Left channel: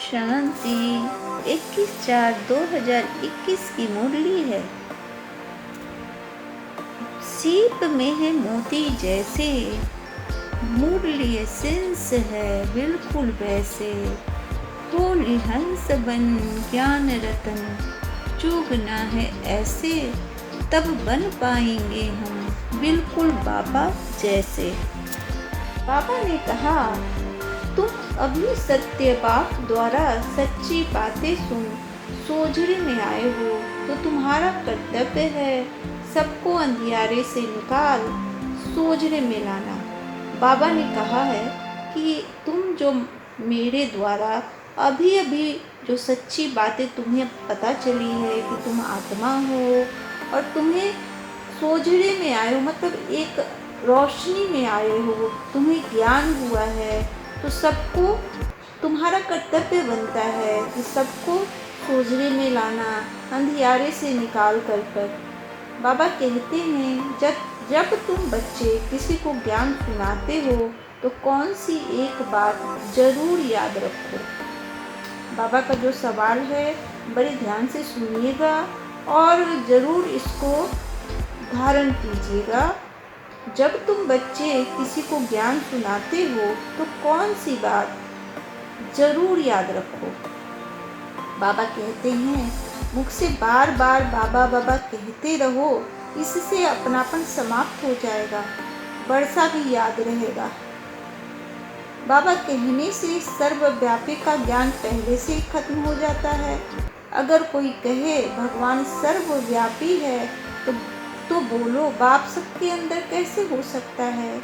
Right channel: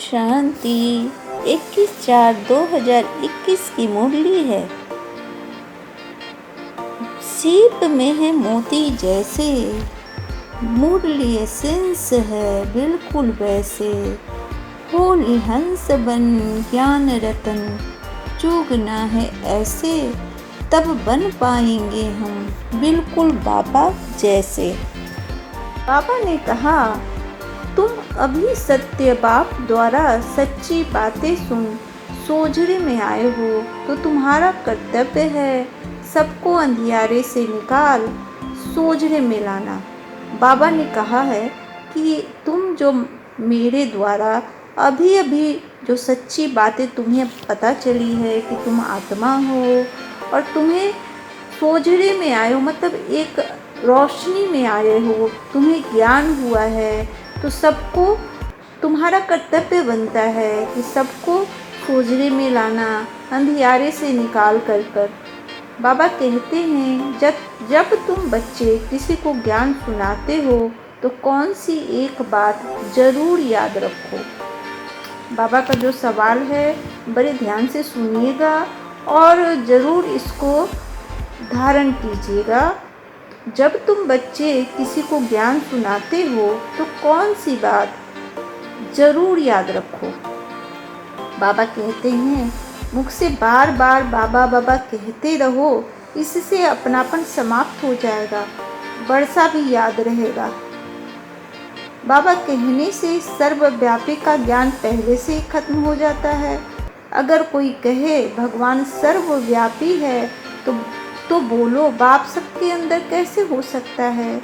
शांति। 21/4/2021 की मुरली है। सीप में है मोती जैसे, मुरली एसेंस है बिल्कुल वैसे। होली हंस बन ज्ञान रतन, चूगना है ऐसे, तब बन पाएंगे हम बिल्कुल बाबा जैसे। बाबा ने कहा, तुम अभी सत्य बाप द्वारा सच्ची बातें सुन सोझरे में आए हो, तो तुम्हारा कर्तव्य है सबको अंधियारे से निकाल सोझरे में लाना। बाबा ने कहा है कि तुम जो मेरे द्वारा अभी अभी जो सच्ची बातें तुम्हें पता चली है कि तुम आत्मा हो और तुम्हें सोझरे में आए हो, मतलब एक रोशनी में आए हो, तुम्हें ज्ञान हुआ है, तो सबको तुम्हारा कर्तव्य बनता है कि सबको सोझरे में लाना, अंधियारे से निकाल कर। बाबा कहते हैं, जब तुम बच्चे किसी को ज्ञान सुनाते हो तो कौन सी एक बात जरूर याद रखो। बाबा का जो सवाल है बड़े ध्यान से सुनिएगा और ज़रूर इसको धारण कीजिएगा। जब तुम बच्चे किसी को ज्ञान सुनाते हो तो कौन सी बात ज़रूर याद रखो। बाबा कहते हैं, मुख से बार बार बाबा बाबा कहते रहो, इससे अपनापन समाप्त हो जाएगा, वर्षा भी याद रहेगा। बाबा कहने से सर्वव्यापी का ज्ञान पहले से ही खत्म हो जाता है। अगर कोई कहे भगवान सर्वव्यापी है तो बोलो बाप सबके अंदर कैसे हो सकता है।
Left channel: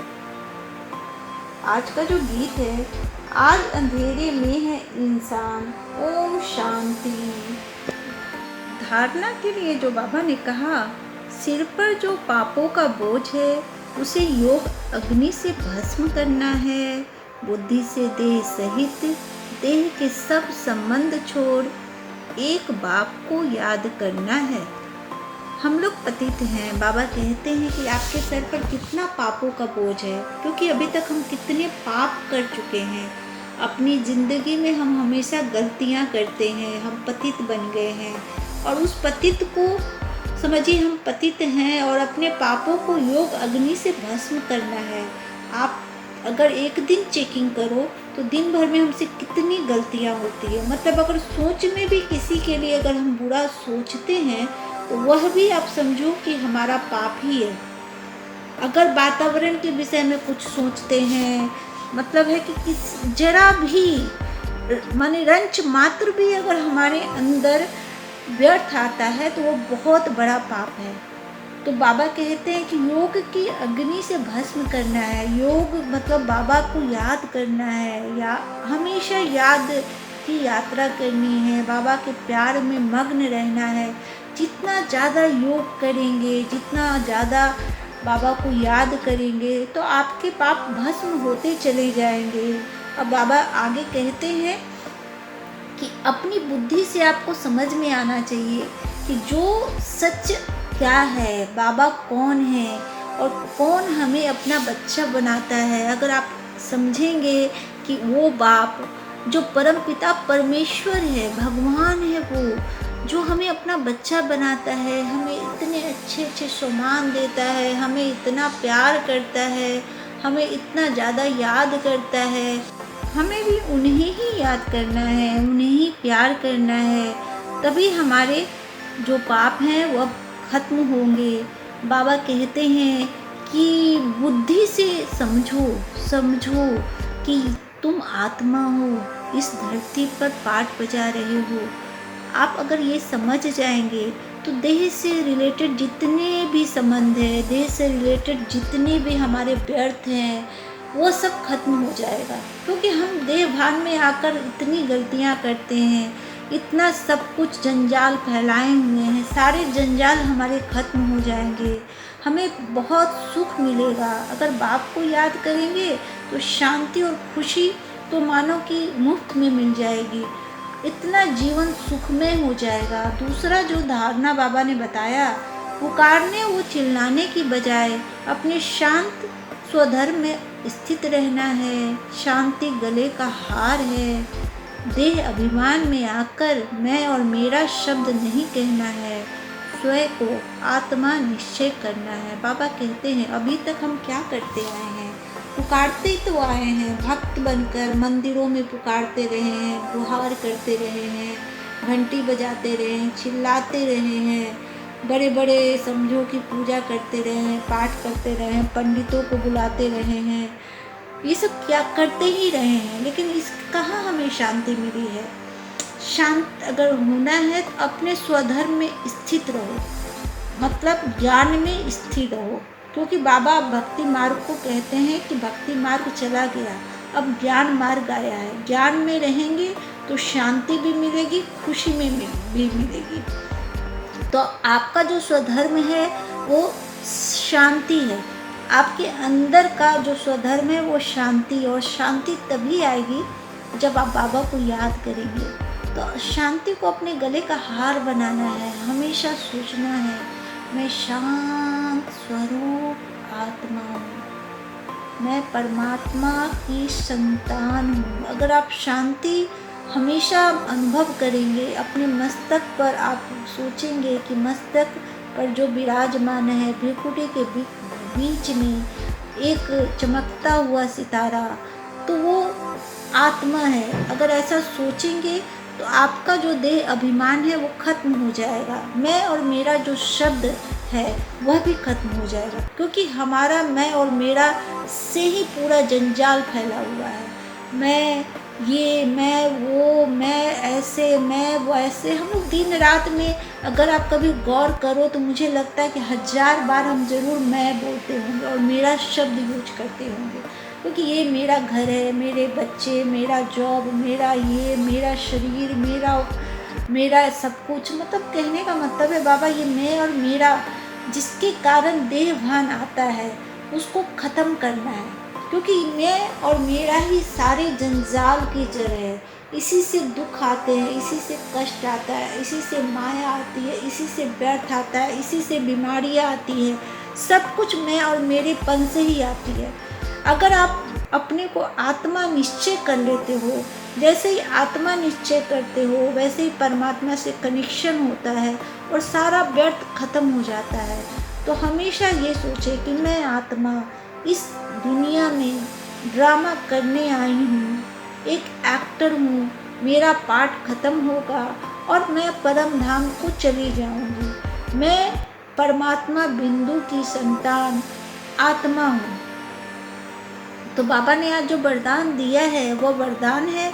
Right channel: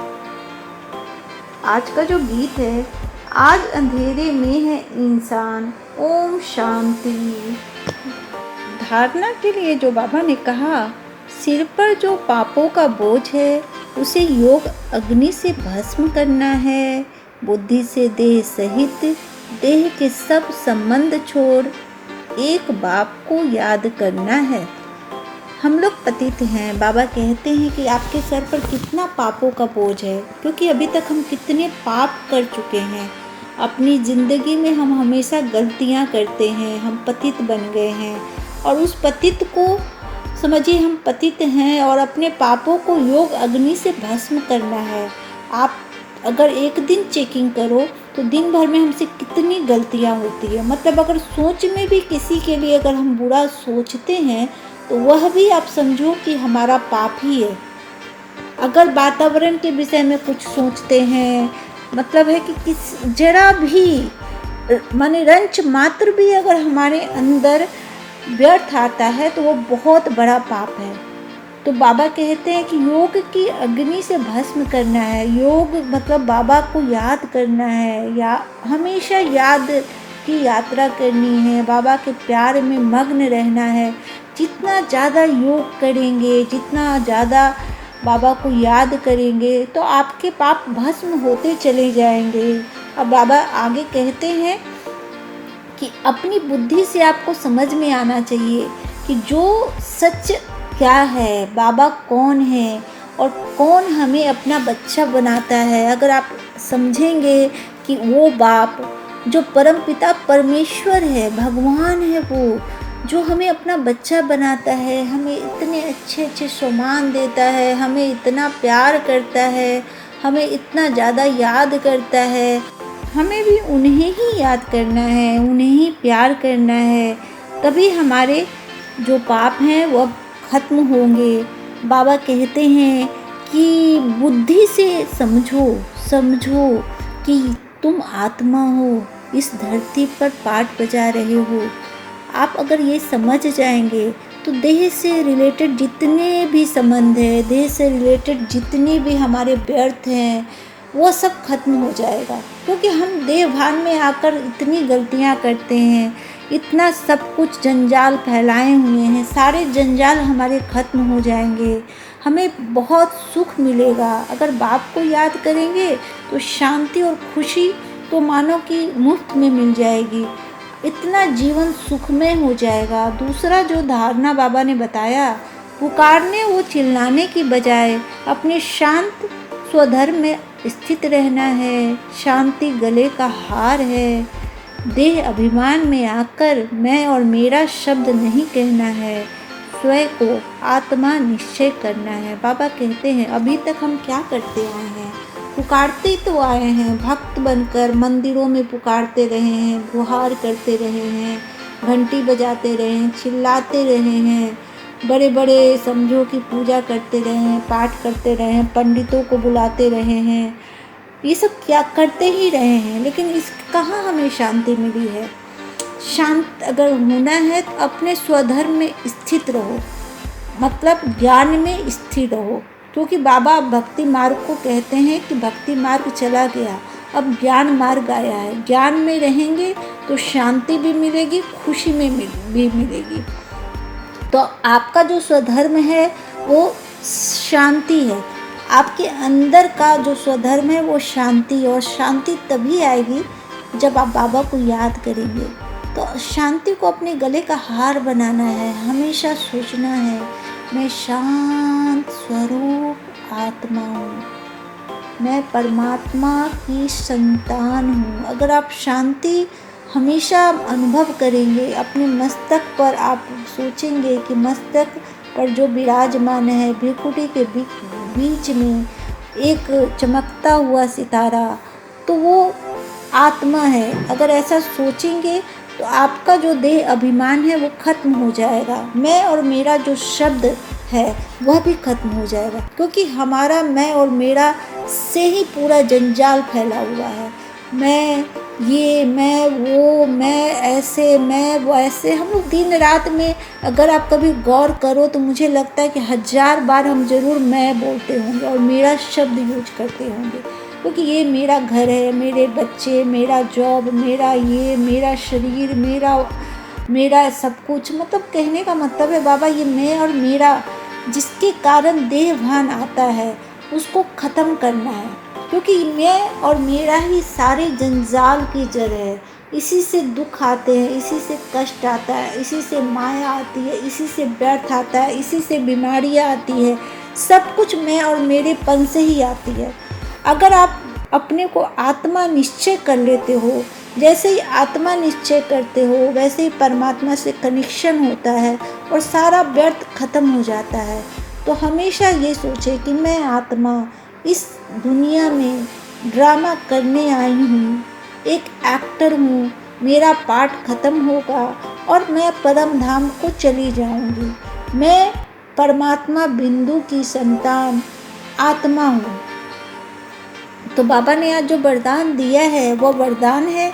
आज का जो गीत है, आज अंधेरे में है इंसान, ओम शांति। धारणा के लिए जो बाबा ने कहा, सिर पर जो पापों का बोझ है उसे योग अग्नि से भस्म करना है। बुद्धि से देह सहित देह के सब संबंध छोड़ एक बाप को याद करना है। हम लोग पतित हैं। बाबा कहते हैं कि आपके सर पर कितना पापों का बोझ है, क्योंकि अभी तक हम कितने पाप कर चुके हैं। अपनी ज़िंदगी में हम हमेशा गलतियां करते हैं, हम पतित बन गए हैं और उस पतित को समझिए हम पतित हैं और अपने पापों को योग अग्नि से भस्म करना है। आप अगर एक दिन चेकिंग करो तो दिन भर में हमसे कितनी गलतियां होती है। मतलब अगर सोच में भी किसी के लिए अगर हम बुरा सोचते हैं तो वह भी आप समझो कि हमारा पाप ही है। अगर वातावरण के विषय में कुछ सोचते हैं, मतलब है कि किस जरा भी माने रंच मात्र भी अगर हमारे अंदर व्यर्थ आता है तो वो बहुत बड़ा पाप है। तो बाबा कहते हैं कि योग की अग्नि से भस्म करना है। योग मतलब बाबा को याद करना है, या हमेशा याद की यात्रा करनी है, बाबा के प्यार में मग्न रहना है। जितना ज़्यादा योग करेंगे, जितना ज़्यादा बाबा को याद करेंगे तो आपके पाप भस्म होते चले जाएंगे। अब बाबा आगे कहते हैं कि अपनी बुद्धि से आपको समझ में आना चाहिए कि जो सच क्या है, बाबा कौन है और कौन हमें अपना बच्चा बनाता है। अगर आप समझेंगे कि वो बाप जो परमपिता परमेश्वर है, भगवान है, वो जो हमें अपना बच्चा बनाता है, हमें इतने अच्छे अच्छे सम्मान देता है, हमें इतना प्यार करता है, हमें इतना ज़्यादा याद करता है, हमें भी उन्हें ही याद करना है, उन्हें ही प्यार करना है। तभी हमारे जो पाप हैं वो खत्म होंगे। बाबा कहते हैं कि बुद्धि से समझो कि तुम आत्मा हो, इस धरती पर पाठ बजा रहे हो। आप अगर ये समझ जाएंगे तो देह से रिलेटेड जितने भी संबंध है, देह से रिलेटेड जितने भी हमारे व्यर्थ हैं, वो सब खत्म हो जाएगा। क्योंकि हम देह भान में आकर इतनी गलतियां करते हैं, इतना सब कुछ जंजाल फैलाए हुए हैं, सारे जंजाल हमारे खत्म हो जाएंगे, हमें बहुत सुख मिलेगा। अगर बाप को याद करेंगे तो शांति और खुशी तो मानो कि मुफ्त में मिल जाएगी, इतना जीवन सुखमय हो जाएगा। दूसरा जो धारणा बाबा ने बताया, पुकारने वो चिल्लाने की बजाय अपने शांत स्वधर्म में स्थित रहना है। शांति गले का हार है। देह अभिमान में आकर मैं और मेरा शब्द नहीं कहना है, स्वयं को आत्मा निश्चय करना है। बाबा कहते हैं अभी तक हम क्या करते आए हैं, पुकारते तो आए हैं, भक्त बनकर मंदिरों में पुकारते रहे हैं, गुहार करते रहे हैं, घंटी बजाते रहे हैं, चिल्लाते रहे हैं, बड़े बड़े समझो की पूजा करते रहे हैं, पाठ करते रहे हैं, पंडितों को बुलाते रहे हैं, ये सब क्या करते ही रहे हैं, लेकिन इस कहाँ हमें शांति मिली है। शांत अगर होना है तो अपने स्वधर्म में स्थित रहो, मतलब ज्ञान में स्थिर रहो, क्योंकि बाबा भक्ति मार्ग को कहते हैं कि भक्ति मार्ग चला गया, अब ज्ञान मार्ग आया है। ज्ञान में रहेंगे तो शांति भी मिलेगी, खुशी में भी मिलेगी। तो आपका जो स्वधर्म है वो शांति है, आपके अंदर का जो स्वधर्म है वो शांति है, और शांति तभी आएगी जब आप बाबा को याद करेंगे। तो शांति को अपने गले का हार बनाना है, हमेशा सोचना है मैं शांत स्वरूप आत्मा हूँ, मैं परमात्मा की संतान हूँ। अगर आप शांति हमेशा अनुभव करेंगे, अपने मस्तक पर आप सोचेंगे कि मस्तक पर जो विराजमान है, भ्रिकुटी के बीच में एक चमकता हुआ सितारा, तो वो आत्मा है। अगर ऐसा सोचेंगे तो आपका जो देह अभिमान है वो खत्म हो जाएगा, मैं और मेरा जो शब्द है वह भी खत्म हो जाएगा, क्योंकि हमारा मैं और मेरा से ही पूरा जंजाल फैला हुआ है। मैं ये, मैं वो, मैं ऐसे, मैं वो ऐसे, हम लोग दिन रात में अगर आप कभी गौर करो तो मुझे लगता है कि 1000 बार हम ज़रूर मैं बोलते होंगे और मेरा शब्द यूज करते होंगे, क्योंकि ये मेरा घर है, मेरे बच्चे, मेरा जॉब, मेरा ये, मेरा शरीर, मेरा सब कुछ। मतलब कहने का मतलब है बाबा ये मैं और मेरा जिसके कारण देह भान आता है उसको ख़त्म करना है, क्योंकि मैं और मेरा ही सारे जंजाल की जड़ है। इसी से दुख आते हैं, इसी से कष्ट आता है, इसी से माया आती है, इसी से व्यर्थ आता है, इसी से बीमारियाँ आती है, सब कुछ मैं और मेरे पन से ही आती है। अगर आप अपने को आत्मा निश्चय कर लेते हो, जैसे ही आत्मा निश्चय करते हो वैसे ही परमात्मा से कनेक्शन होता है और सारा व्यर्थ खत्म हो जाता है। तो हमेशा ये सोचे कि मैं आत्मा इस दुनिया में ड्रामा करने आई हूँ, एक एक्टर हूँ, मेरा पार्ट ख़त्म होगा और मैं परम धाम को चली जाऊँगी। मैं परमात्मा बिंदु की संतान आत्मा हूँ। तो बाबा ने आज जो वरदान दिया है वह वरदान है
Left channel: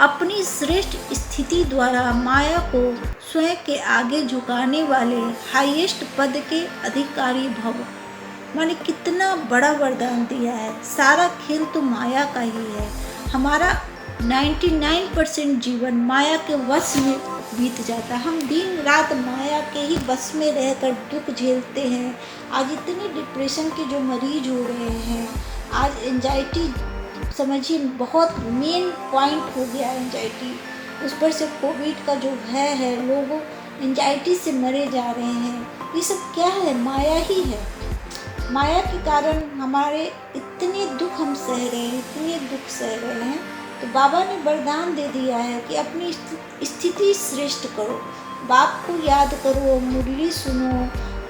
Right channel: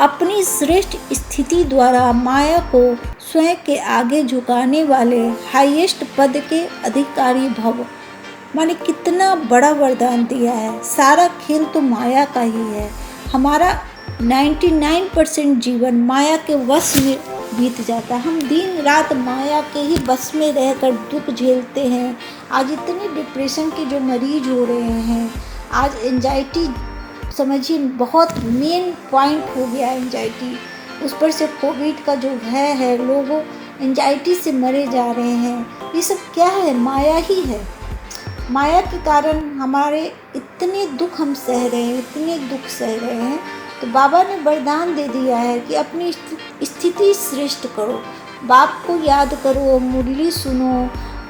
अपनी श्रेष्ठ स्थिति द्वारा माया को स्वयं के आगे झुकाने वाले हाईएस्ट पद के अधिकारी भव। माने कितना बड़ा वरदान दिया है। सारा खेल तो माया का ही है। हमारा 99% जीवन माया के वश में बीत जाता है। हम दिन रात माया के ही बस में रहकर दुख झेलते हैं। आज इतने डिप्रेशन के जो मरीज हो रहे हैं, आज एंजाइटी समझिए बहुत मेन पॉइंट हो गया है एंजाइटी। उस पर से कोविड का जो भय है, लोग एंजाइटी से मरे जा रहे हैं। ये सब क्या है? माया ही है। माया के कारण हमारे इतने दुख हम सह रहे हैं, इतने दुख सह रहे हैं। तो बाबा ने वरदान दे दिया है कि अपनी स्थिति श्रेष्ठ करो, बाप को याद करो, मुरली सुनो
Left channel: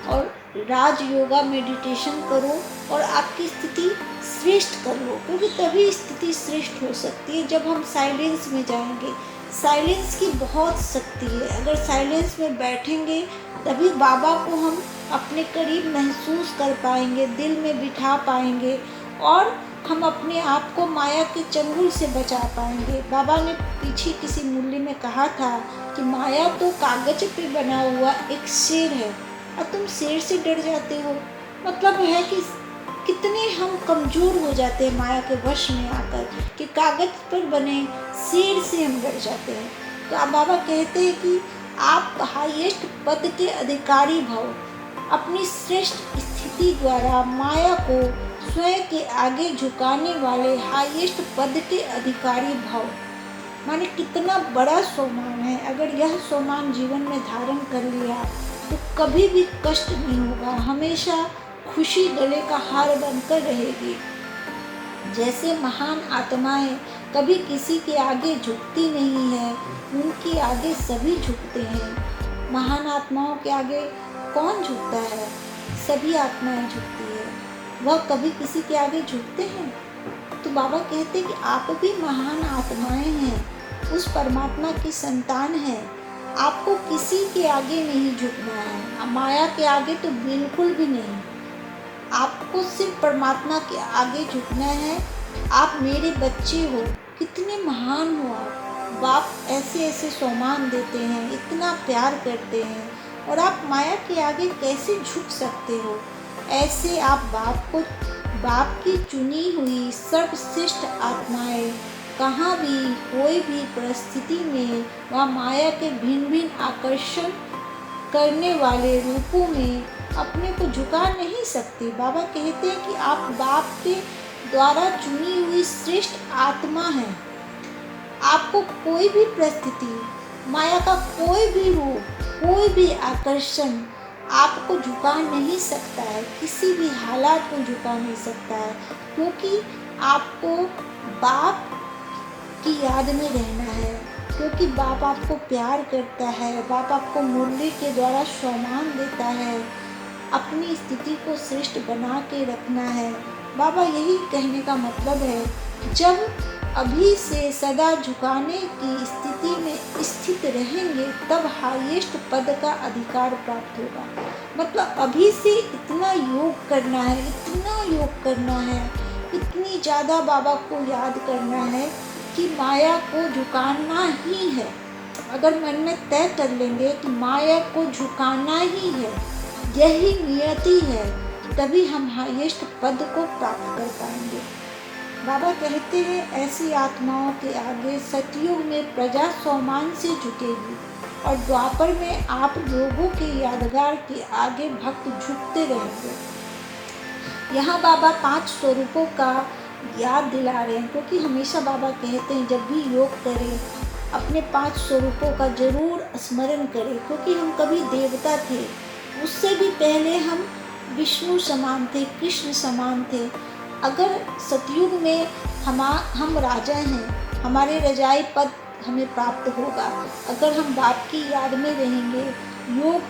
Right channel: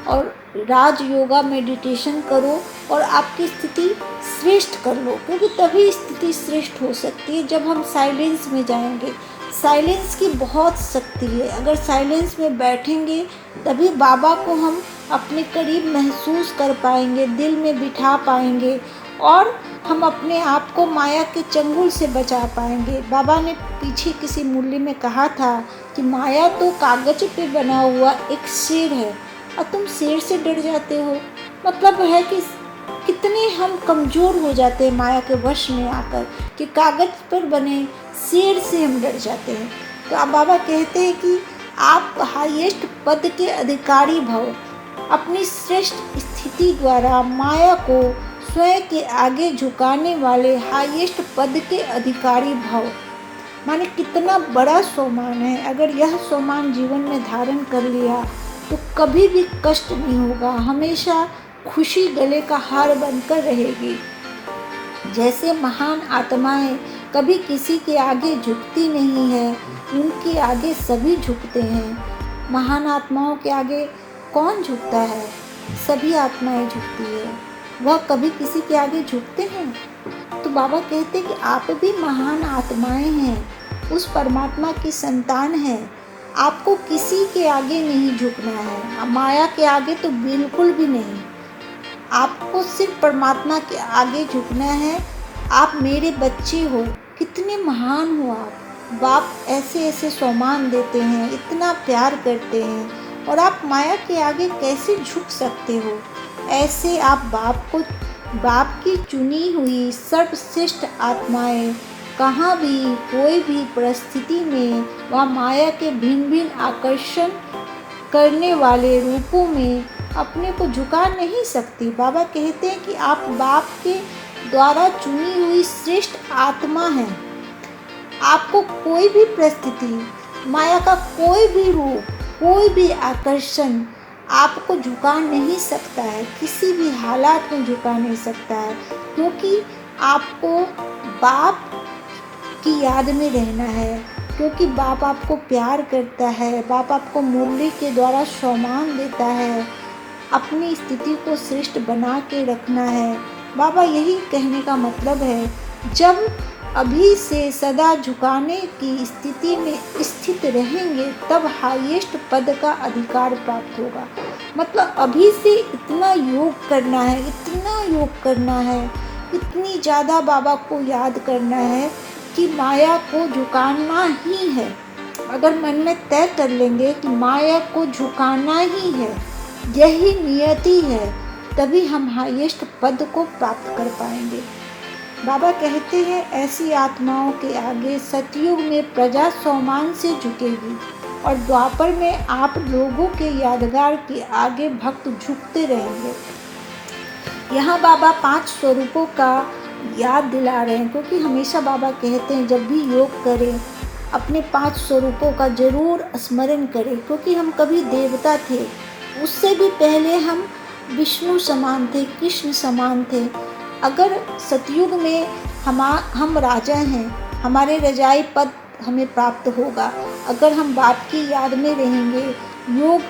और राज योगा मेडिटेशन करो और आपकी स्थिति श्रेष्ठ कर लो, क्योंकि तभी स्थिति श्रेष्ठ हो सकती है जब हम साइलेंस में जाएंगे। साइलेंस की बहुत शक्ति है। अगर साइलेंस में बैठेंगे तभी बाबा को हम अपने करीब महसूस कर पाएंगे, दिल में बिठा पाएंगे और हम अपने आप को माया के चंगुल से बचा पाएंगे। बाबा ने पीछे किसी मूल्य में कहा था कि माया तो कागज पे बना हुआ एक शेर है और तुम शेर से डर जाते हो। मतलब है कि कितने हम कमज़ोर हो जाते हैं माया के वश में आकर कि कागज पर बने शेर से हम डर जाते हैं। तो अब बाबा कहते हैं कि आप हाईएस्ट पद के अधिकारी भव, अपनी श्रेष्ठ स्थिति द्वारा माया को स्वयं के आगे झुकाने वाले हाईएस्ट पद के अधिकारी भव। माने कितना बड़ा सोमान है। अगर यह सोमान जीवन में धारण कर लिया तो कभी भी कष्ट नहीं होगा, हमेशा खुशी गले का हार बनकर रहेगी। जैसे महान आत्माएं कभी किसी के आगे झुकती नहीं है, उनके आगे सभी झुकते हैं। महान आत्माओं के आगे कौन झुकता है? सभी आत्माएं झुकती है। वह कभी किसी के आगे झुकते हैं? तो बाबा कहते हैं कि आप भी महान आत्माएं हैं, उस परमात्मा की संतान हैं। आपको किसी के आगे नहीं झुकना है, माया के आगे तो बिल्कुल भी नहीं। आपको सिर्फ परमात्मा के आगे झुकना है। आप मेरे बच्चे हो, कितने महान हो आप। बाप ऐसे ऐसे सम्मान देते हैं, इतना प्यार करते हैं, और आप माया के आगे कैसे झुक सकते हो? ऐसे आप बाप की चुनी हुई सर्वश्रेष्ठ आत्माएं कहाँ भी कोई भी परिस्थिति में वह माया के भिन्न भिन्न आकर्षण करने वाले रूपों में अपने को झुका नहीं सकती। बाबा कहते हैं कि आप बाप के द्वारा चुनी हुई श्रेष्ठ आत्मा हैं। आपको कोई भी परिस्थिति, माया का कोई भी रूप, कोई भी आकर्षण आपको झुका नहीं सकता है, किसी भी हालात में झुका नहीं सकता है, क्योंकि आपको बाप की याद में रहना है, क्योंकि बाप आपको प्यार करता है। बाप आपको मुरली के द्वारा सम्मान देता है। अपनी स्थिति को श्रेष्ठ बना के रखना है। बाबा यही कहने का मतलब है, जब अभी से सदा झुकाने की स्थिति में स्थित रहेंगे तब हाईएस्ट पद का अधिकार प्राप्त होगा। मतलब अभी से इतना योग करना है, इतना योग करना है, इतनी ज़्यादा बाबा को याद करना है कि माया को झुकाना ही है। अगर मन में तय कर लेंगे कि माया को झुकाना ही है, यही नियति है, तभी हम हाईएस्ट पद को प्राप्त कर पाएंगे। बाबा कहते हैं ऐसी आत्माओं के आगे सतयुग में प्रजा सम्मान से झुकेगी, और द्वापर में आप लोगों के यादगार के आगे भक्त झुकते रहेंगे। यहाँ बाबा 5 स्वरूपों का याद दिला रहे हैं, क्योंकि हमेशा बाबा कहते हैं जब भी योग करें अपने 5 स्वरूपों का जरूर स्मरण करें, क्योंकि हम कभी देवता थे, उससे भी पहले हम विष्णु समान थे, कृष्ण समान थे। अगर सतयुग में हम राजा हैं, हमारे रजाई पद हमें प्राप्त होगा। अगर हम बाप की याद में रहेंगे, योग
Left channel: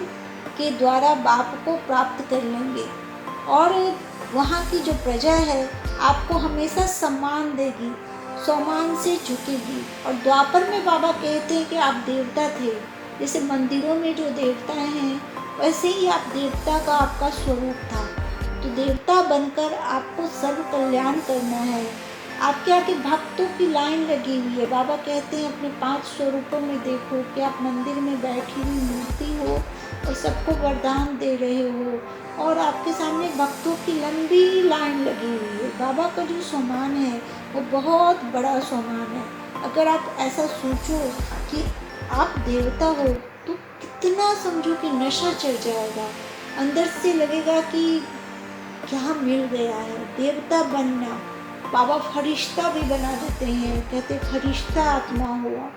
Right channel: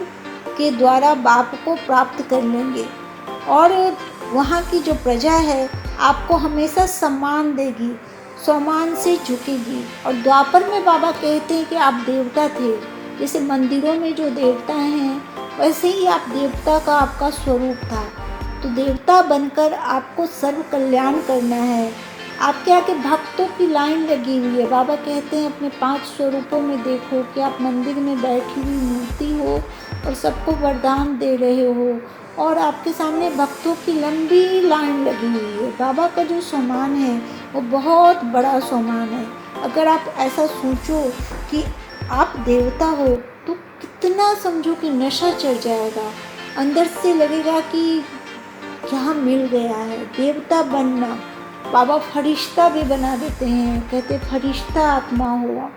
के द्वारा बाप को प्राप्त कर लेंगे, और वहाँ की जो प्रजा है आपको हमेशा सम्मान देगी, सम्मान से झुकेगी। और द्वापर में बाबा कहते हैं कि आप देवता थे, जैसे मंदिरों में जो देवता हैं वैसे ही आप देवता का आपका स्वरूप था। तो देवता बनकर आपको सर्व कल्याण करना है। आपके आगे भक्तों की लाइन लगी हुई है। बाबा कहते हैं अपने 5 स्वरूपों में देखो कि आप मंदिर में बैठी हुई मूर्ति हो और सबको वरदान दे रहे हो, और आपके सामने भक्तों की लंबी लाइन लगी हुई है। बाबा का जो सम्मान है वो बहुत बड़ा सम्मान है। अगर आप ऐसा सोचो कि आप देवता हो तो कितना समझो कि नशा चढ़ जाएगा, अंदर से लगेगा कि क्या मिल गया है। देवता बनना, बाबा फरिश्ता भी बना देते हैं, कहते फरिश्ता आत्मा हो।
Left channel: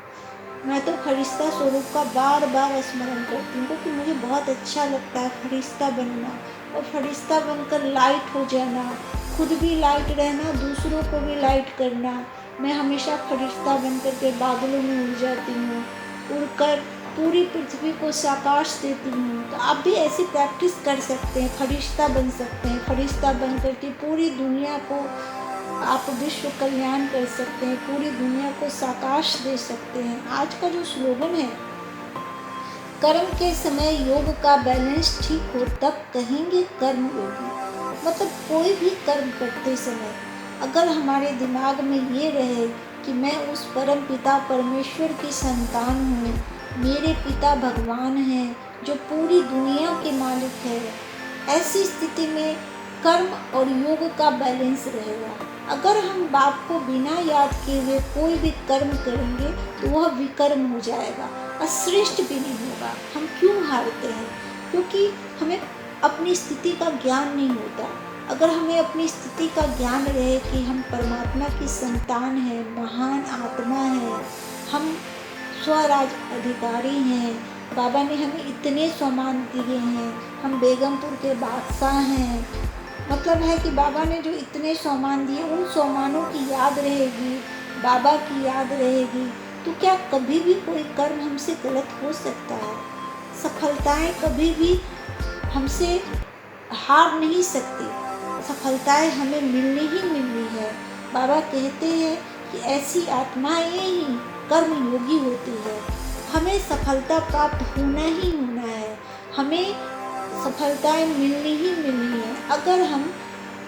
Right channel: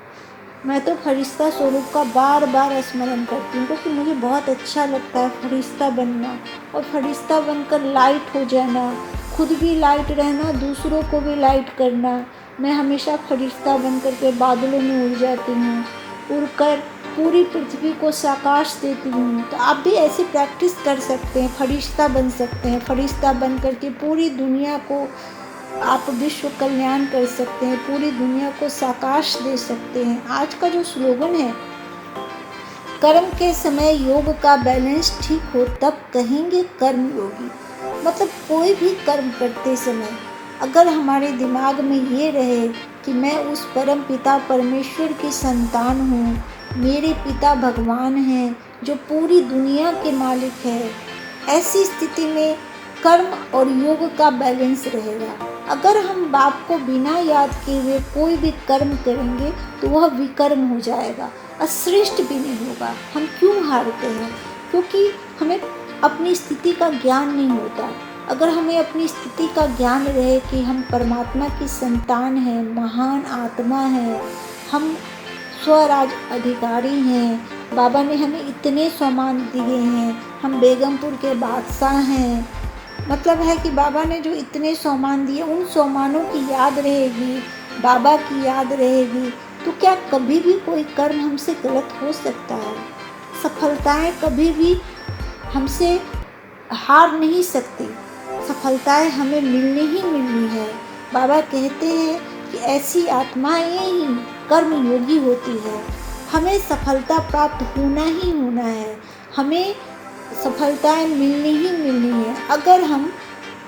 मैं तो फरिश्ता स्वरूप का बार बार स्मरण करती हूँ, क्योंकि मुझे बहुत अच्छा लगता है फरिश्ता बनना, और फरिश्ता बनकर लाइट हो जाना, खुद भी लाइट रहना, दूसरों को भी लाइट करना। मैं हमेशा फरिश्ता बनकर के बादलों में उड़ जाती हूँ, उड़कर पूरी पृथ्वी को प्रकाश देती हूँ। तो आप भी ऐसी प्रैक्टिस कर सकते हैं, फरिश्ता बन सकते हैं। फरिश्ता बन करके पूरी दुनिया को आप विश्व कल्याण कर सकते हैं, पूरी दुनिया को प्रकाश दे सकते हैं। आज का जो स्लोगन है, कर्म के समय योग का बैलेंस ठीक हो तब कहेंगे कर्म योगी। मतलब कोई भी कर्म करते समय अगर हमारे दिमाग में ये रहे कि मैं उस परम पिता परमेश्वर की संतान हूँ, मेरे पिता भगवान हैं जो पूरी दुनिया के मालिक है, ऐसी स्थिति में कर्म और योग का बैलेंस रहेगा। अगर हम बाप को बिना याद किए हुए कोई भी कर्म करेंगे तो वह विकर्म हो जाएगा, अश्रेष्ठ भी नहीं होगा। हम क्यों हारते हैं? क्योंकि हमें अपनी स्थिति का ज्ञान नहीं होता। अगर हमें अपनी स्थिति का ज्ञान रहे कि हम परमात्मा की संतान हैं, महान आत्मा हैं, हम स्वराज अधिकारी हैं, बाबा ने हमें इतने सम्मान दिए हैं, हम बेगमपुर के बादशाह हैं, मतलब है कि बाबा ने जो इतने सम्मान दिए उन सम्मानों की याद रहेगी बाबा की याद रहेगी, तो क्या कभी भी कोई कर्म हमसे गलत हो सकता है? सफलताएं कभी भी हमसे हार नहीं सकती। सफलताएं हमें मिलनी ही मिलनी है। बाबा कहते हैं कि ऐसी आत्माएं ही कर्म योगी होती है। हमें सफलता प्राप्त होना ही होना है। हमें सफलताएं मिलनी ही मिलनी है अगर हम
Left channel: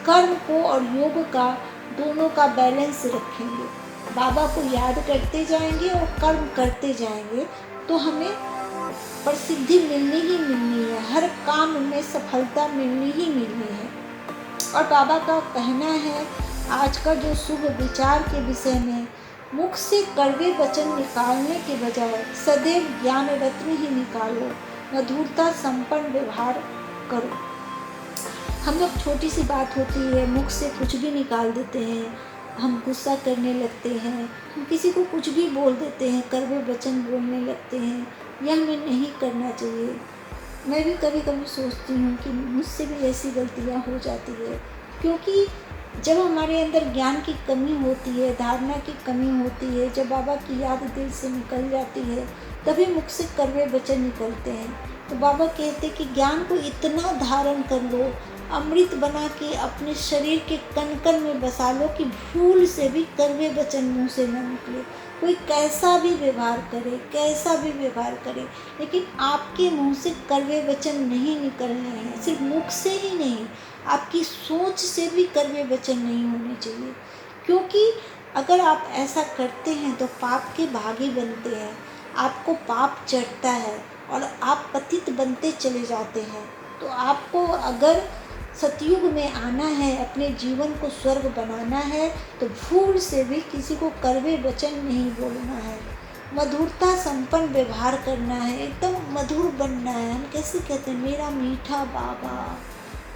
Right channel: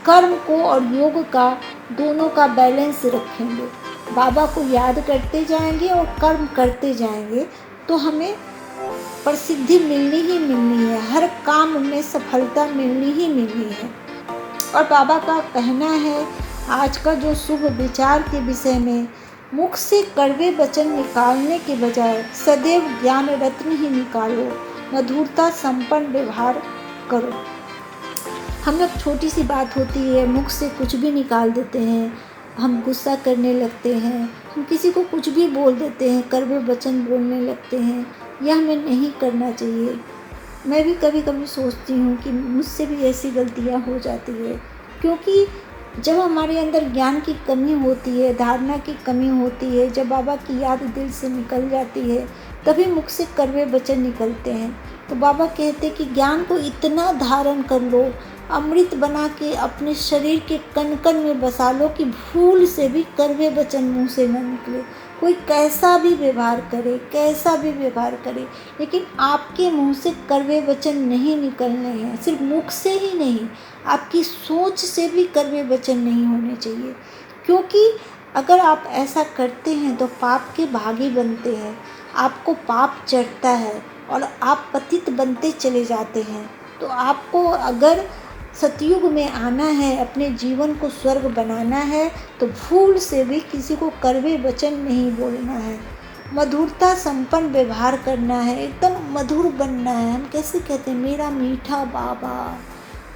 कर्म को और योग का दोनों का बैलेंस रखेंगे, बाबा को याद करते जाएंगे और कर्म करते जाएंगे, तो हमें प्रसिद्धि मिलनी ही मिलनी है। हर काम में सफलता मिलनी ही मिलनी है। और बाबा का कहना है, आज का जो शुभ विचार के विषय में, मुख से कड़वे वचन निकालने के बजाय सदैव ज्ञान रत्न ही निकालो, मधुरता संपन्न व्यवहार करो। हम लोग छोटी सी बात होती है, मुख से कुछ भी निकाल देते हैं, हम गुस्सा करने लगते हैं, हम किसी को कुछ भी बोल देते हैं, कड़वे वचन बोलने लगते हैं। यह हमें नहीं करना चाहिए। मैं भी कभी कभी सोचती हूँ कि मुझसे भी ऐसी गलतियाँ हो जाती है, क्योंकि जब हमारे अंदर ज्ञान की कमी होती है, धारणा की कमी होती है, जब बाबा की याद दिल से निकल जाती है, तभी मुख से कड़वे वचन निकलते हैं। तो बाबा कहते हैं कि ज्ञान को इतना धारण कर लो, अमृत बना के अपने शरीर के कण कण में बसा लो कि भूल से भी कड़वे वचन मुँह से न निकले। कोई कैसा भी व्यवहार करे, कैसा भी व्यवहार करे, लेकिन आपके मुंह से कड़वे वचन नहीं निकलने हैं। सिर्फ मुख से ही नहीं, आपकी सोच से भी कड़वे वचन नहीं होने चाहिए, क्योंकि अगर आप ऐसा करते हैं तो पाप के भागी बनते हैं, आपको पाप चढ़ता है और आप पतित बनते चले जाते हैं। तो आपको अगर सतयुग में आना है, अपने जीवन को स्वर्ग बनाना है, तो भूल से भी किसी को कड़वे वचन नहीं बोलना है, मधुरता संपन्न व्यवहार करना है, एकदम मधुर बनना है। हम कैसे कहते हैं, मेरा मीठा बाबा,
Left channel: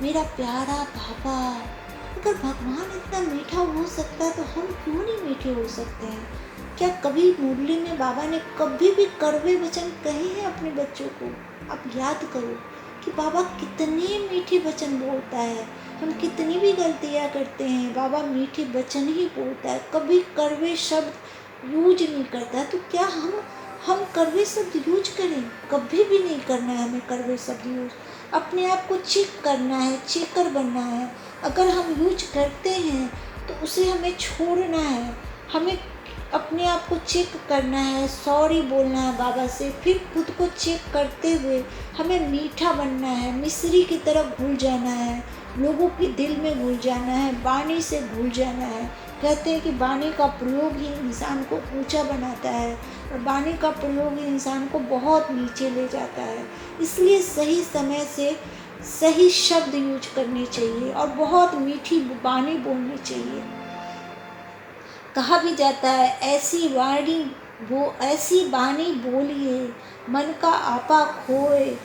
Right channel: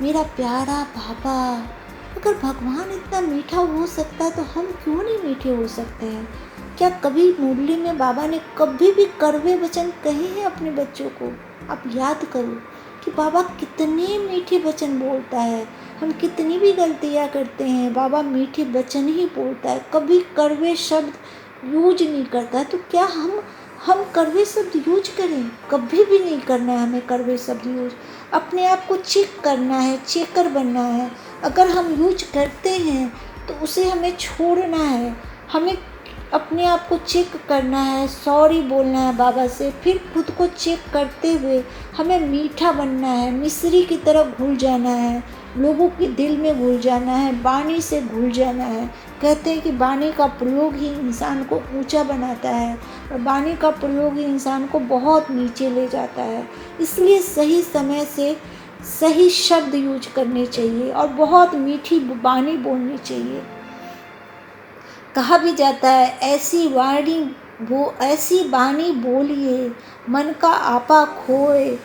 मेरा प्यारा बाबा। अगर भगवान इतना मीठा हो सकता है तो हम क्यों नहीं मीठे हो सकते हैं? क्या कभी मुरली में बाबा ने कभी भी कड़वे वचन कहे हैं अपने बच्चों को? आप याद करो कि बाबा कितने मीठे वचन बोलता है। हम कितनी भी गलतियाँ करते हैं, बाबा मीठे वचन ही बोलता है, कभी कड़वे शब्द यूज नहीं करता। तो क्या हम कड़वे शब्द यूज करें? कभी भी नहीं करना है हमें कड़वे शब्द यूज। अपने आप को चेक करना है, चेकर बनना है। अगर हम यूज करते हैं तो उसे हमें छोड़ना है। हमें अपने आप को चेक करना है, सॉरी बोलना है बाबा से, फिर खुद को चेक करते हुए हमें मीठा बनना है, मिश्री की तरह घुल जाना है, लोगों के दिल में घुल जाना है, वाणी से घुल जाना है। कहते हैं कि वाणी का प्रयोग ही इंसान को ऊंचा बनाता है और वाणी का प्रयोग ही इंसान को बहुत नीचे ले जाता है। इसलिए सही समय से सही शब्द यूज करने चाहिए और बहुत मीठी वाणी बोलनी चाहिए। कहा भी जाता है, ऐसी वाणी बोलिए, मन का आपा खोए,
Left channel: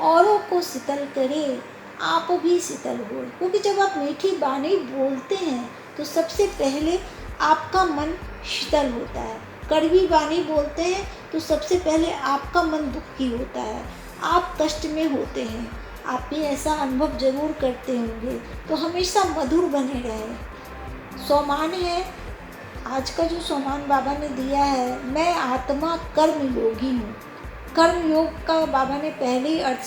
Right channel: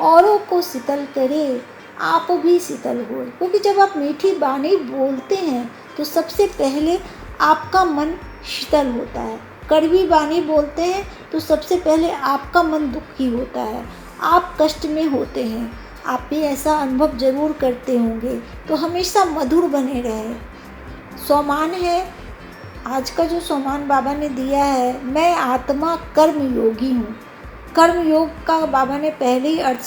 औरों को शीतल करे, आप भी शीतल होए। क्योंकि जब आप मीठी वाणी बोलते हैं तो सबसे पहले आपका मन शीतल होता है। कड़वी वाणी बोलते हैं तो सबसे पहले आपका मन दुखी होता है, आप कष्ट में होते हैं। आप भी ऐसा अनुभव जरूर करते होंगे। तो हमेशा मधुर बने रहें। सोमान है, आज का जो सोमान बाबा ने दिया है, मैं आत्मा कर्म योगी हूँ। कर्म योग का बाबा ने पहले ही अर्थ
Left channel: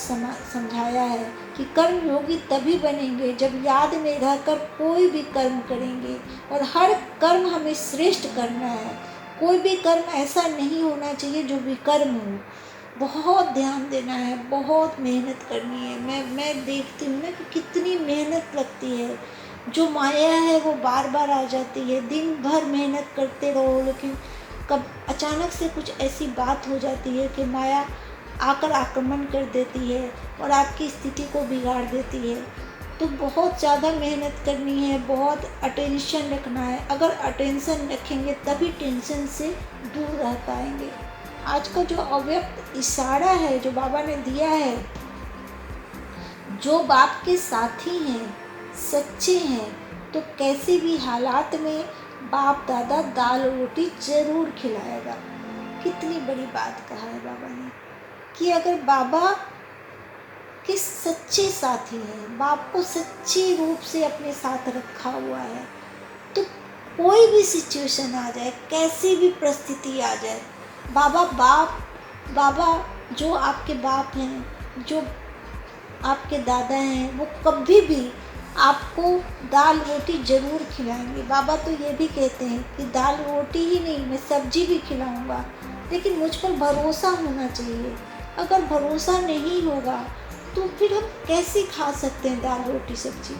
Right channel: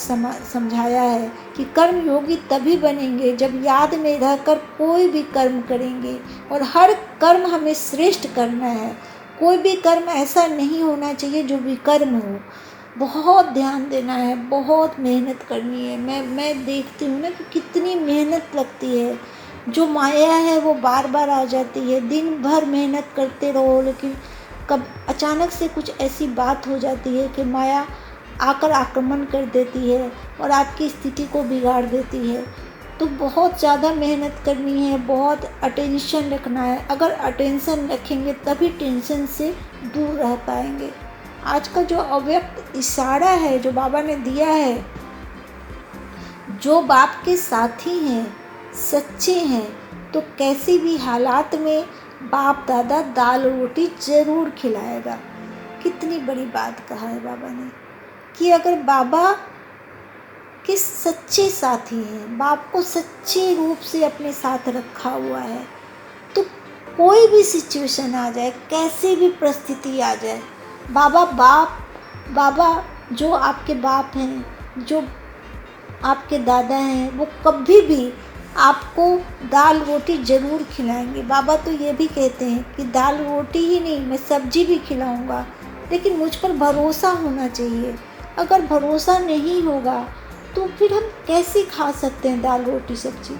समझाया है कि कर्म योगी तभी बनेंगे जब याद में रहकर कोई भी कर्म करेंगे, और हर कर्म हमें श्रेष्ठ करना है। कोई भी कर्म ऐसा नहीं होना चाहिए जो विकर्म हो। बहुत ध्यान देना है, बहुत मेहनत करनी है। मैं देखती हूँ ना कि कितनी मेहनत लगती है। जो माया है वो बार बार आ जाती है, दिन भर मेहनत करते रहो, लेकिन कब अचानक से कुछ ऐसी बात हो जाती है कि माया आकर आक्रमण कर देती है और आपकी स्थिति को बिगाड़ देती है। तो बहुत ज़्यादा मेहनत करनी है, बहुत अटेंशन रखना है। अगर अटेंशन रखेंगे तभी टेंशन से दूर रह पाएंगे। आज का जो अव्यक्त इशारा है जो बाबा ने दिया है, जो बाप के साथी हैं, सच्चे हैं, तो कैसी भी हालात में बाप दादा दाल रोटी जरूर खिलाएगा। कितनी बड़ी बात कहा है बाबा ने कि अगर बाबा के सच्चे साथी हैं, बाप को सच्चे रूप से अपने साथ रखा हुआ है, तो कोई भी सिचुएशन आ जाए, कैसी भी परिस्थिति आ जाए, बाबा जो आपके बाप हैं, जो आपके दादा हैं, वो कभी भी आपको दाल रोटी ज़रूर खिलाएंगे। बाबा तो ये भी कहते हैं कि दाल रोटी ही नहीं, मैं सब्जी भी खिलाऊंगा, लेकिन मुझ पर भरोसा होना चाहिए। अगर भरोसा नहीं होगा तो फिर हम कैसे खा सकते हैं दाल रोटी सब्जी?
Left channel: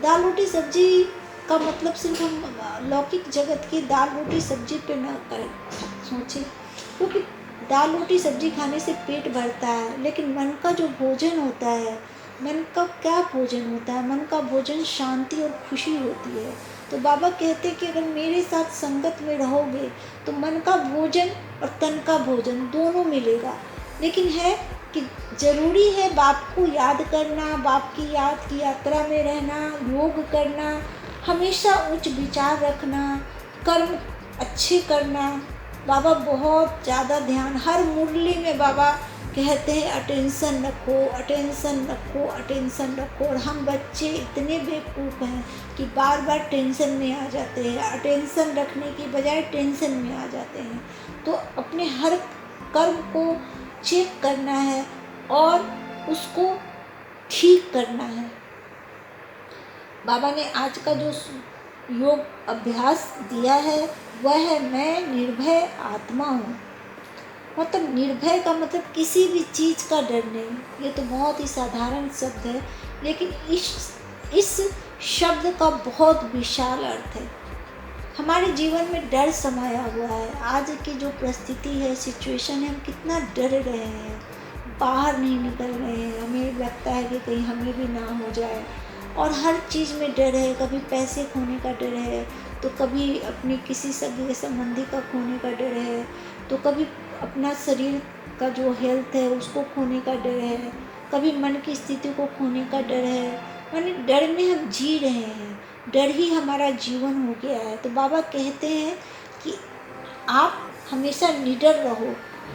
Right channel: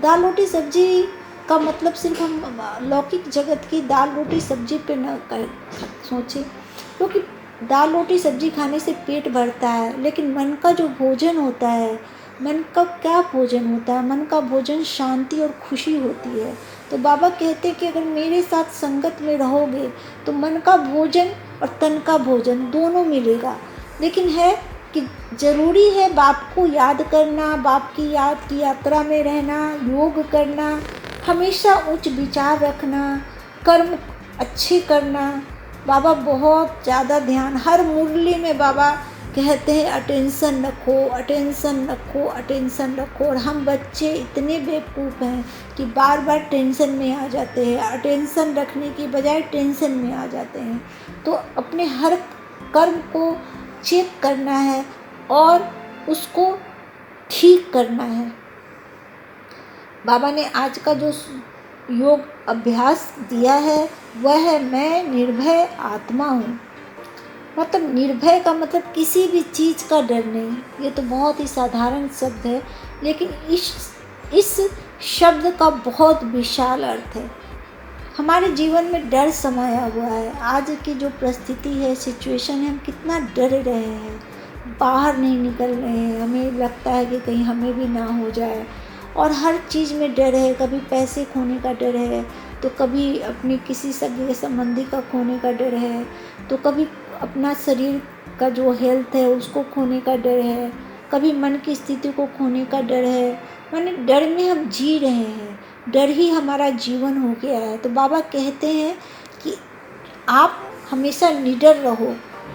दाल रोटी सब्जी का मतलब सिर्फ हम लौकिक जगत की दाल रोटी सब्जी पे न कर सोचें, क्योंकि दाल रोटी सब्जी खाने से पेट भरता है, लेकिन मन का जो भोजन होता है, मन का क्या भोजन होता है? मन का भोजन शांति और खुशी होती है। तो बाबा कहते हैं कि अगर मेरे साथ संगत में रहोगे तो मन का भोजन और तन का भोजन दोनों मिलेगा। लेकिन है कि ज़रूरी है बाप को याद करना, बाप की याद की यात्रा में रहना, योग करना, हमेशा उच्च विचार रखना, कर्म अच्छे करना। बाबा बहुत ज़्यादा ध्यान, हर मुरली में बाबा कहते हैं अटेंशन रखो, अटेंशन रखो, अटेंशन रखो। और हम बच्चे इतने बेवकूफ़ हैं कि बार बार टेंशन में आ जाते हैं, अटेंशन रखने की बजाय टेंशन में आ जाते हैं। तो अपने हर कर्म को चेक करना है और उसको ठीक करना है। बाबा ने आज का जो योग अभ्यास दिया है वह है मैं निर्भय आत्मा हूँ। मतलब निर्भय का मतलब किसी भी चीज़ का डर नहीं। ये तो बहुत ही साधारण शब्द है, लेकिन इस शब्द का बहुत विशाल अर्थ है। हमारे जीवन में डर समाया हुआ है। आज की जो परिस्थिति है, सिचुएशन है, हम कितना डर रहे हैं, बाहर नहीं निकल रहे हैं, हमें लगता है कि कहीं हमें भी ना हो जाए। और हर चीज़ में डर है, कभी पैसे खोने का डर है, तो कभी अपने किसी सगे संबंधी का खोने का डर है, तो कभी अपना शरीर का जो हेल्थ है उसको खोने का डर है, कभी मन की स्थिति को खोने का डर है। माने डर में हम जी रहे हैं, डर ही हमारा जीवन हो गया है। तो बाबा कहते हैं कि आप हमेशा निडर रहो।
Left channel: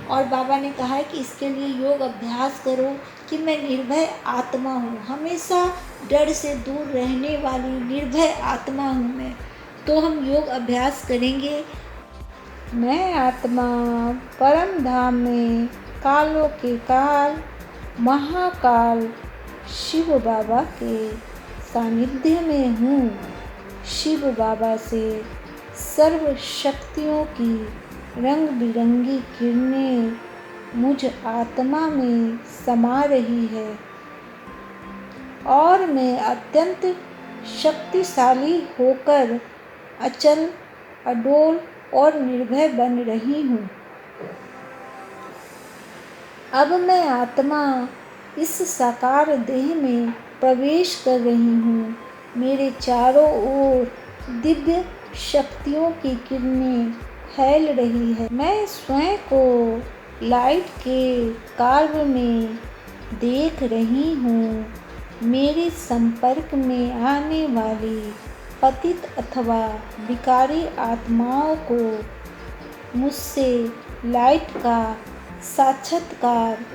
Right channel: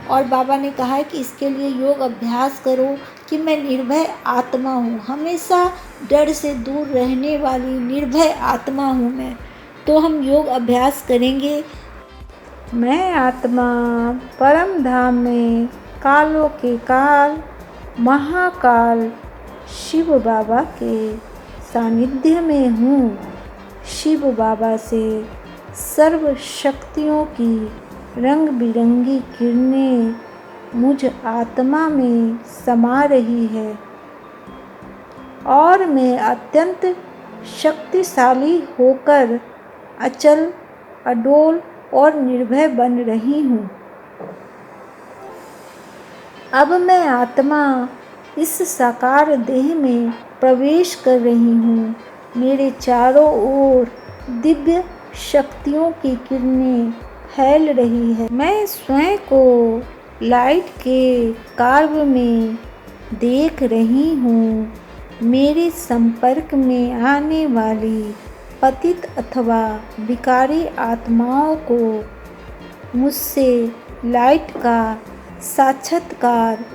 और बाबा ने कहा है कि इसके लिए योग अभ्यास करो कि मैं निर्भय आत्मा हूँ, हमेशा डर से दूर रहने वाली निर्भय आत्मा हूँ मैं। तो हम योग अभ्यास करेंगे। मैं आत्मा परम धाम में कालों के काल महाकाल शिव बाबा के सानिध्य में हूँ। शिव बाबा से सर्व शक्तियों की रंग बिरंगी किरणें मुझ आत्मा में समा रही है और मैं अत्यंत शक्तिशाली होकर अचल, अडोल और निर्भय बन रही हूँ। अब मैं आत्मा इस साकार देह में प्रवेश कर रही हूँ। मेरे चारों ओर दिव्य शक्तियों की किरणें फैल रही है। मैं स्वयं को लाइट के कार्य में देख रही हूँ। मेरे संपर्क में आने वाली पतित अथवा विकारी आत्माओं को मुझसे लाइट का साक्षात्कार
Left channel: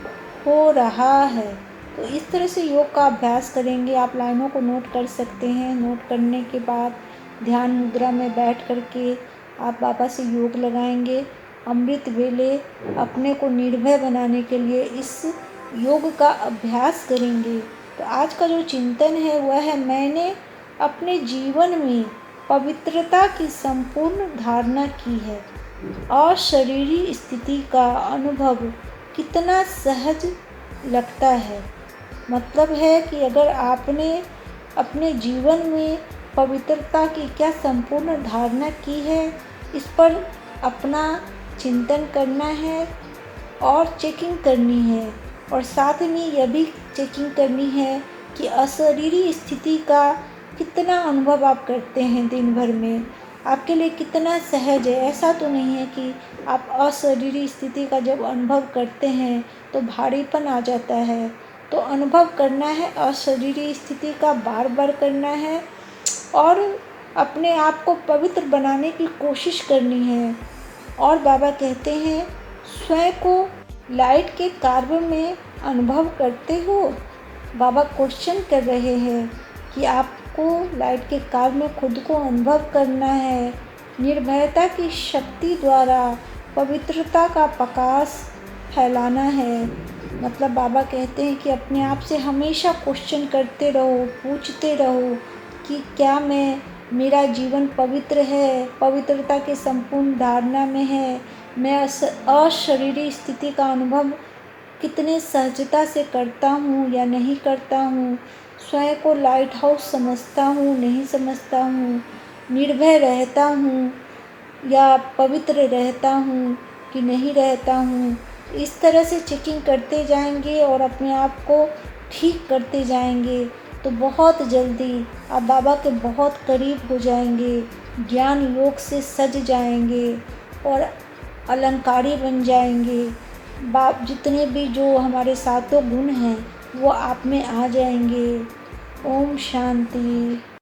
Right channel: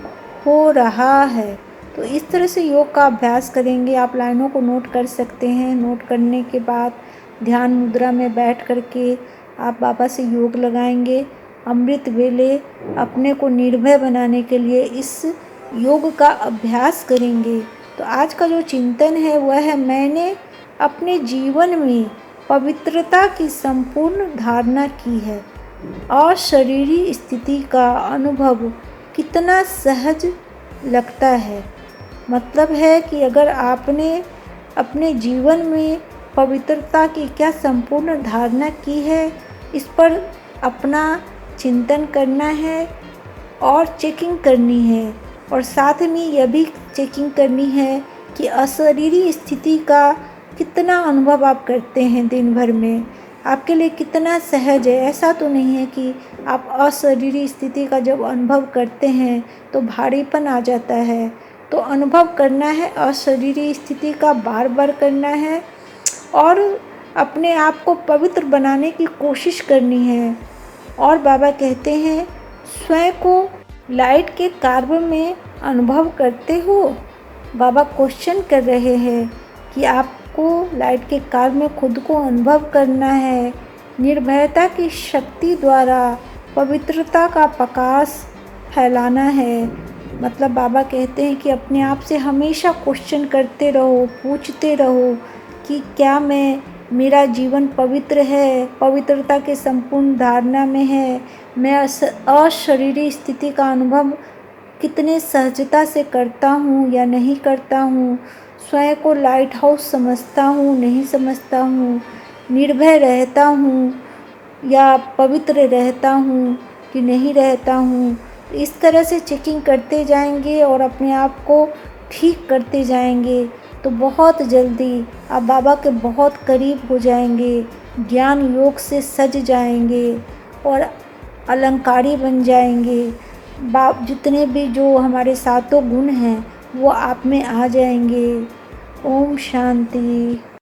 हो रहा है। तो इस तरह से योग का अभ्यास करेंगे। आप लाइनों को नोट कर सकते हैं। नोट करने के बाद ध्यान मुद्रा में बैठ करके आप बाबा से योग लगाएंगे। अमृत वेले अपने को निर्भय बनाने के लिए इस योग का अभ्यास करेंगे। तो आज का जो चिंतन है वह है मैंने अपने जीवन में पवित्रता की संपूर्ण धारणा की है और शरीरी स्थिति का अनुभव कितना सहज लगता है। मतलब है कि अगर आपने अपने जीवन में पवित्रता की क्या संपूर्ण धारणा की है, इस पर अपना चिंतन करना है और चेकिंग करनी है। और साथ में यह भी चेकिंग करनी है कि अशरीरी स्थिति का कितना अनुभव आप करते हैं दिन भर में, आपके लिए कितना सहज है। ऐसा तो नहीं है कि आप अशरीरी स्थिति का जब अनुभव करते हैं तो भारीपन आ जाता है। तो अनुभव करना है अशरीरी स्थिति का, बार बार करना है और अपने आप को पवित्र बनाने की कोशिश करनी है। और बाबा कहते हैं स्वयं को लाइट के कार्य में अनुभव करते हो। बाबा क्वेश्चन कर रहे हैं कि आप आपको लाइट के कार्य में खुद को अनुभव करना है। निर्भयता की शक्ति द्वारा पवित्रता का प्रकाश फैलाना है। मतलब बाबा कहते हैं कि अपने आप से हमेशा क्वेश्चन करते रहो, पूछते रहो कि क्या मेरा जीवन पवित्र है, पवित्रता के संपूर्ण धारणा में है। मैं अशरीरी स्थिति का अनुभव कितने सहजता से करता हूँ या नहीं करता हूँ। स्वयं को लाइट हाउस समझता हूँ, नहीं समझता हूँ। निर्भय रहता हूँ या पवित्र रहता हूँ कि नहीं रहता हूँ। इस तरह से चेकिंग करते जाएंगे और अपने आप को ठीक करते जाएंगे तो बहुत जल्दी आप बाबा के बहुत करीब हो जाएंगे, ज्ञान योग से सज जाएंगे और अलंकारी बन जाएंगे। जितने भी जो हमारे सातों गुण हैं वो आप में आ जाएंगे। ओम शांति।